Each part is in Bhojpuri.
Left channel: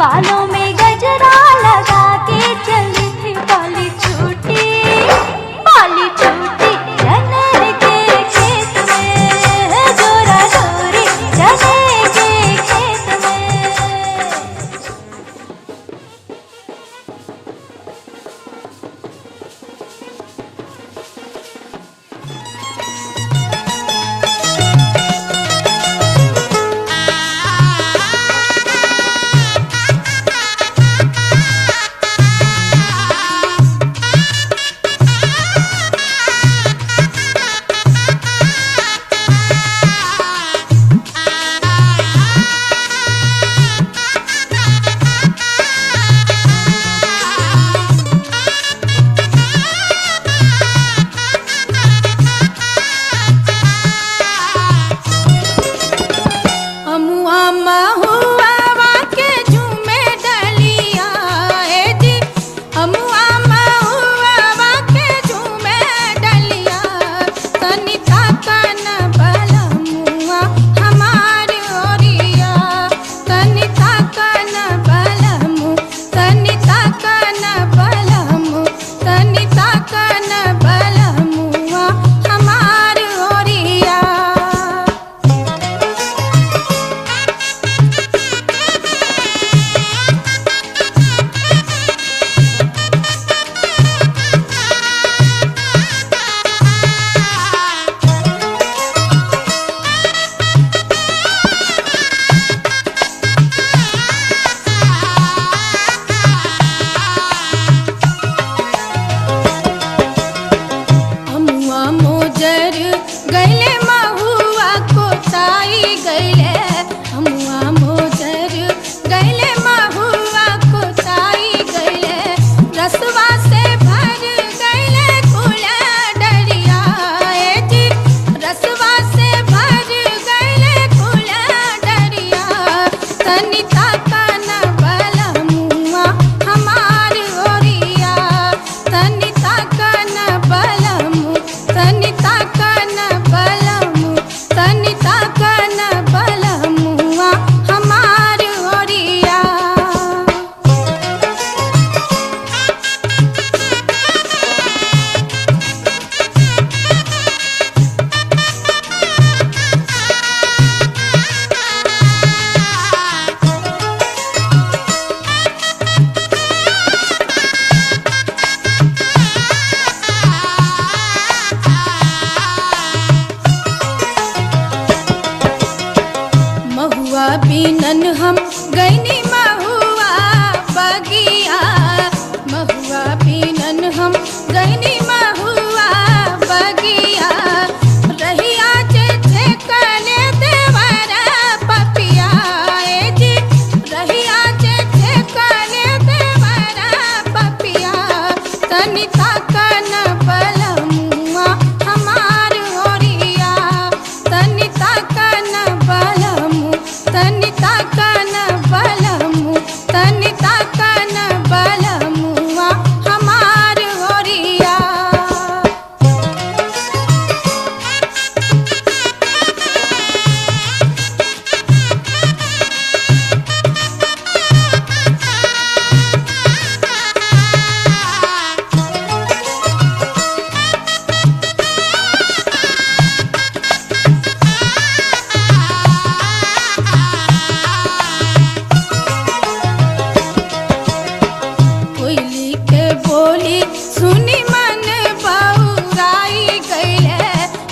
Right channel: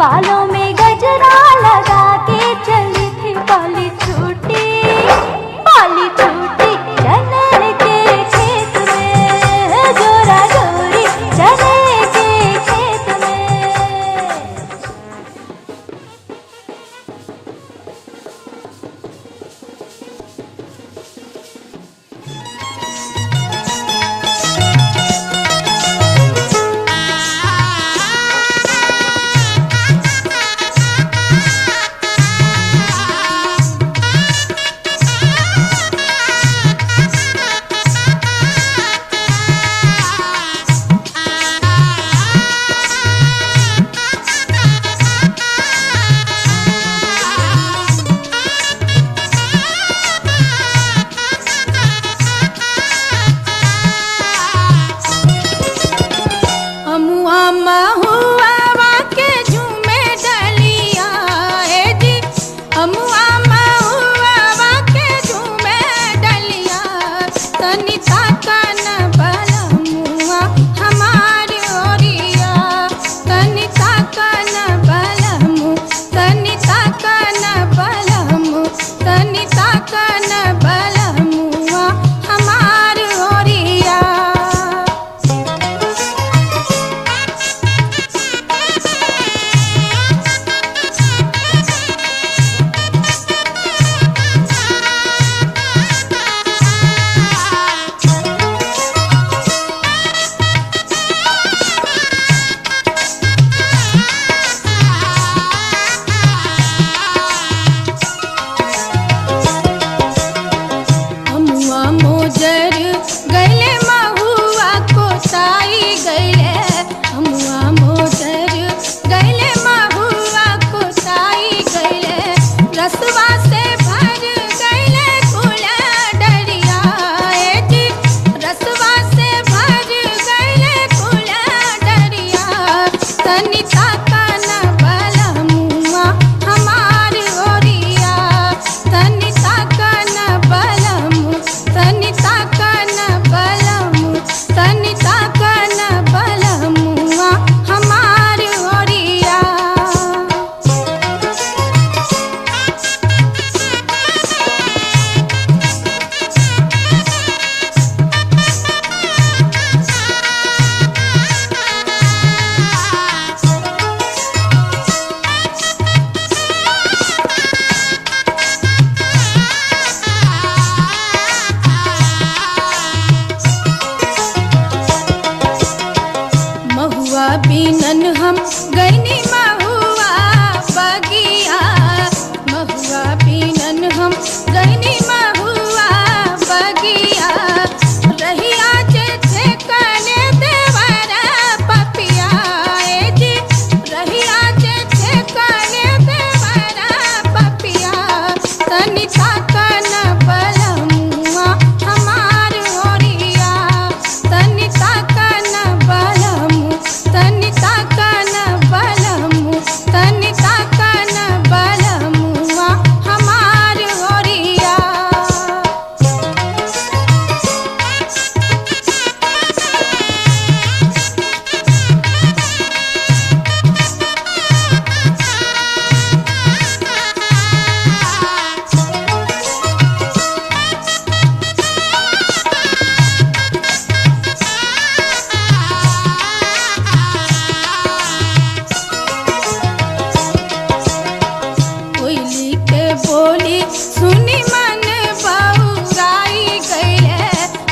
बालों में गजरा लगा के चली थी, बाली छूटी चने के खेत में, जोरा जोरी चने के खेत में। बीनन हम गईनी महुआ बगिया, महुआ बीनन हम गईनी महुआ बगिया, रहिया जे कने देवरा पपिया जी, रहिया जे कने देवरा पपिया, तनि ताकन बलमुआ हमार ओरिया, तनि ताकन बलमु, तनि ताकन बलमु, तनि ताकन बलमुआ हमार ओरिया। कोयली के बोली सुनी मन बउराई गईले,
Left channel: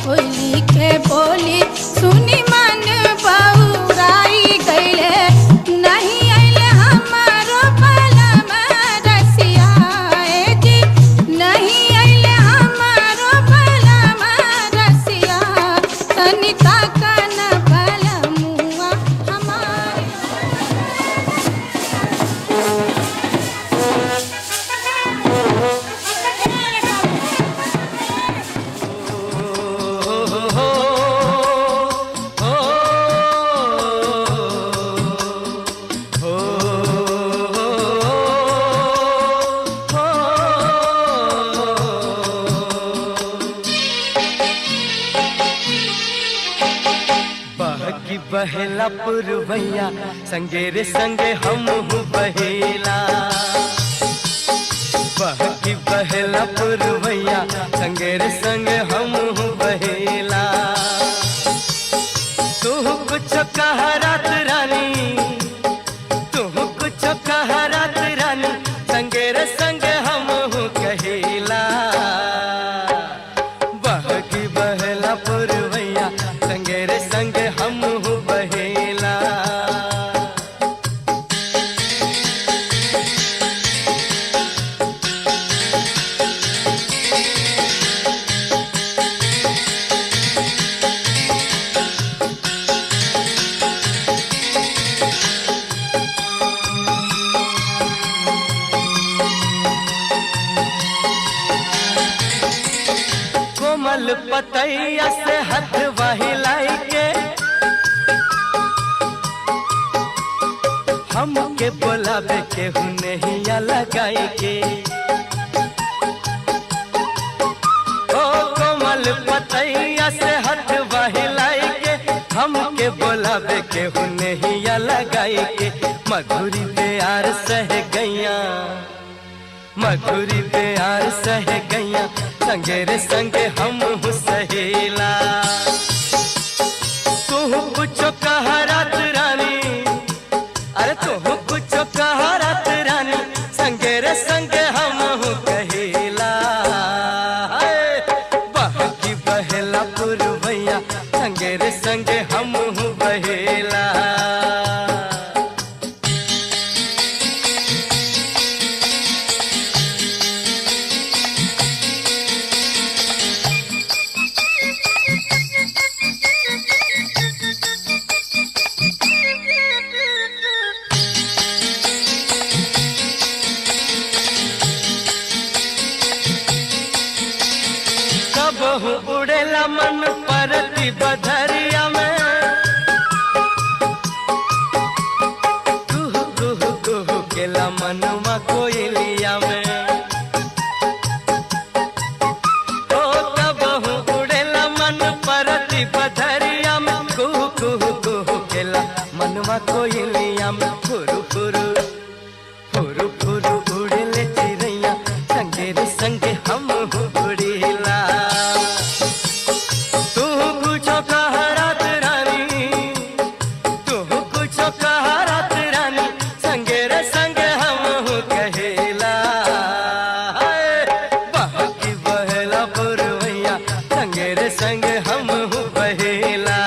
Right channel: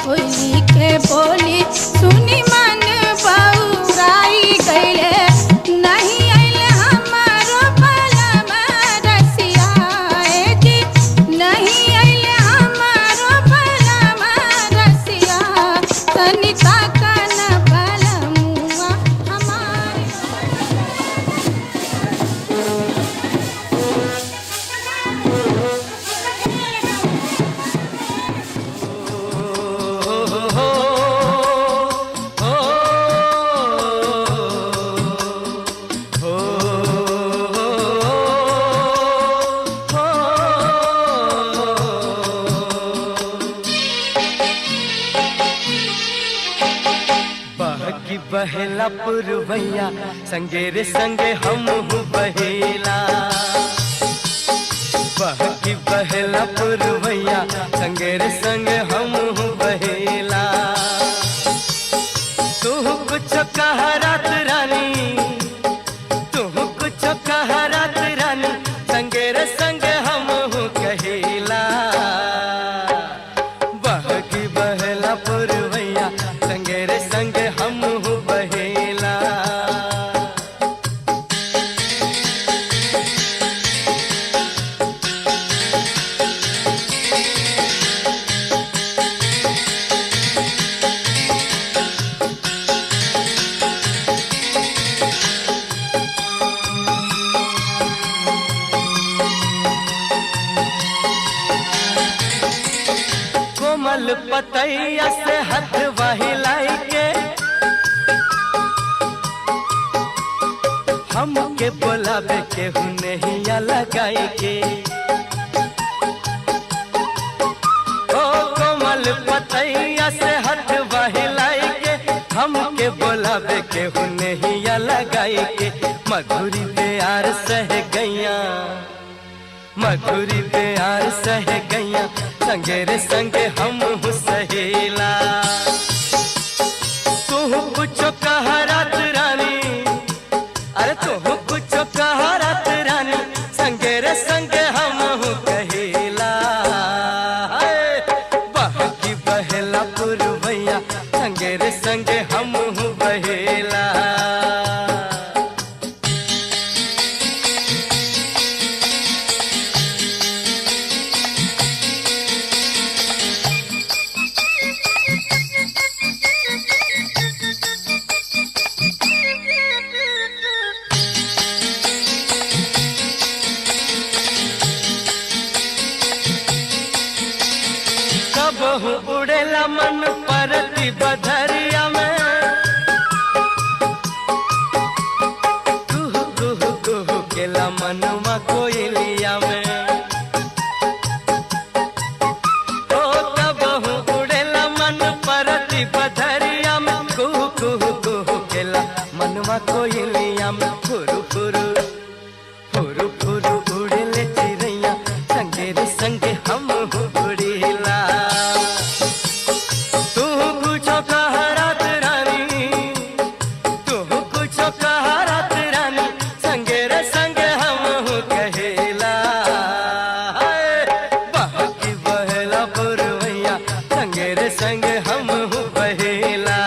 कोयली के बोली सुनी मन बउराई गईले, नहीं आइले हमारो बलम रसिया जी, नहीं आइले हमारो बलम रसिया, तनि ताकन बलमुआ हमार। बहेला पुरवैया संगे रे संगे हम बहेला। बहकी बहेला पुरवैया संगे रे संगे हम बहेला। तू कुछ कह रात रानी, तू कुछ कह रात रानी संगे रे संगे हम कहेला। बहकी बहेला पुरवैया संगे रे संगे हम बहेला। कोमल पतैया से हाथ वहिलाई के हमके बोलावे के हुनहिया लगाई के। ओ कोमल पतैया से हाथ वहिलाई के हमके बोलावे के हुनहिया लगाई के। मधुरी प्यार सह गैया, मधुरी प्यार सह गैया संगे रे संगे हम सहेला। तू कुछ कह रात रानी, अरे तू कुछ कह रात रानी संगे रे संगे हम कहेला। बहकी बहेला पुरवैया संगे रे संगे हम बहेला। कबहू उड़ेला मन परती बधरिया में, कुहू कुहू कुहू केला मनवा कोयलिया में। ओ कबहू उड़ेला मन परती बधरिया में, कुहू कुहू कुहू केला मनवा कोयलिया में। फुरु फुरु फुरु फुरु उड़ेले चिड़ैया संगे रे संगे हम उड़ेला। तू कुछ कह रात रानी, तू कुछ कह रात रानी संगे रे संगे हम कहेला। बहकी बहेला पुरवैया संगे रे संगे हम बहेला।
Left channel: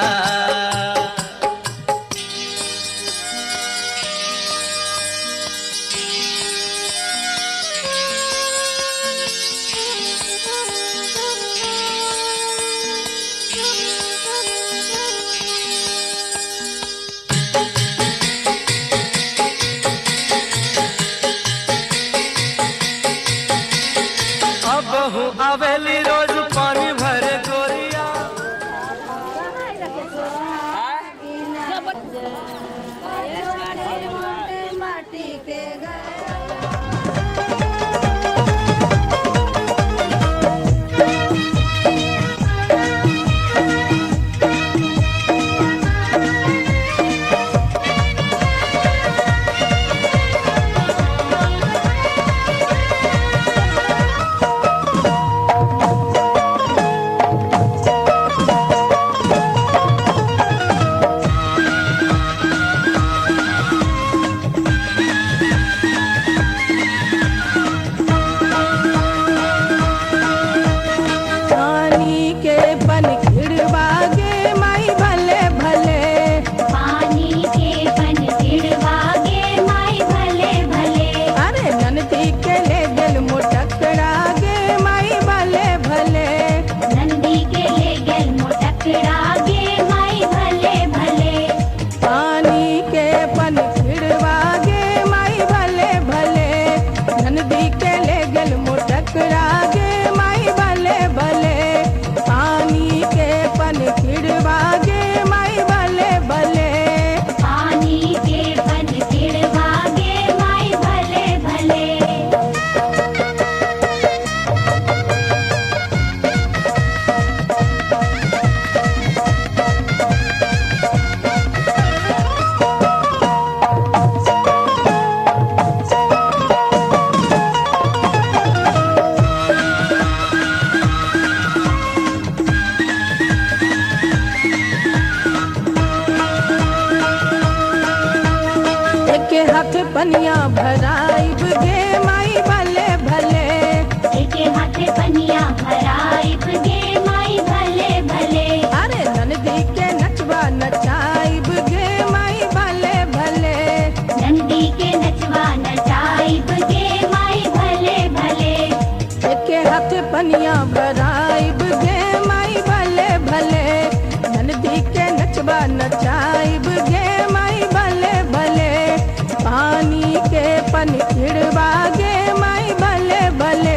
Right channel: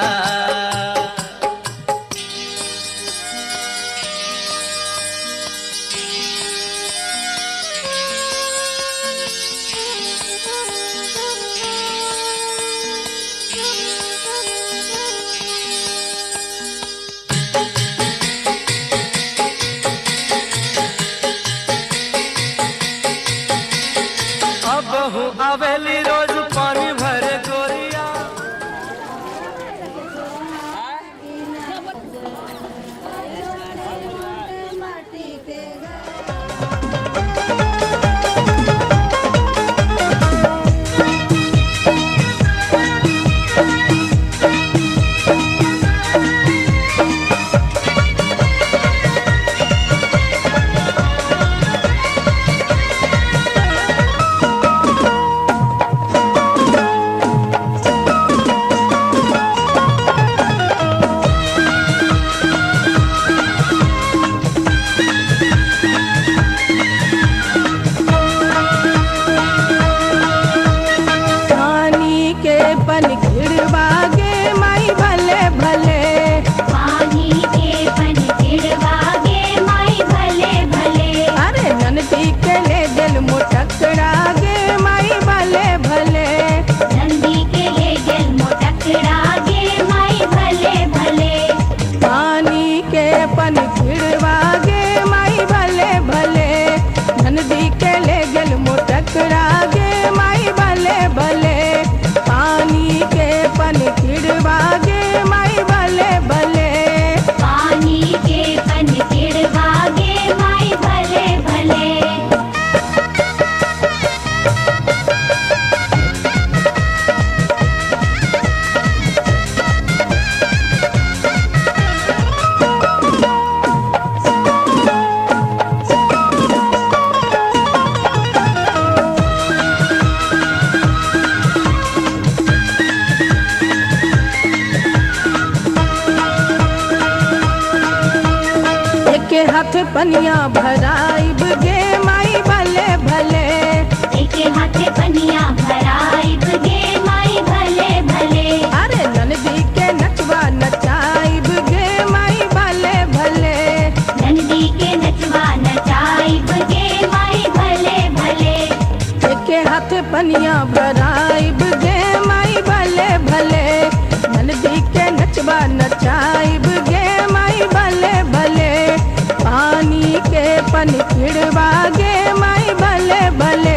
एके हाथ पनिया भराइब गे माई भले भले, एके हाथे पनिया भराइब गे माई भले भले। अरे ननदी के नचवा नचाइब गे माई भले भले, नंदी के नचवा नचाइब गे माई भले भले। एके हाथ पनिया भराइब गे माई भले भले, ननदी के नचवा नचाइब गे माई भले भले। पानी के पन खिड़वा गे माई भले भले,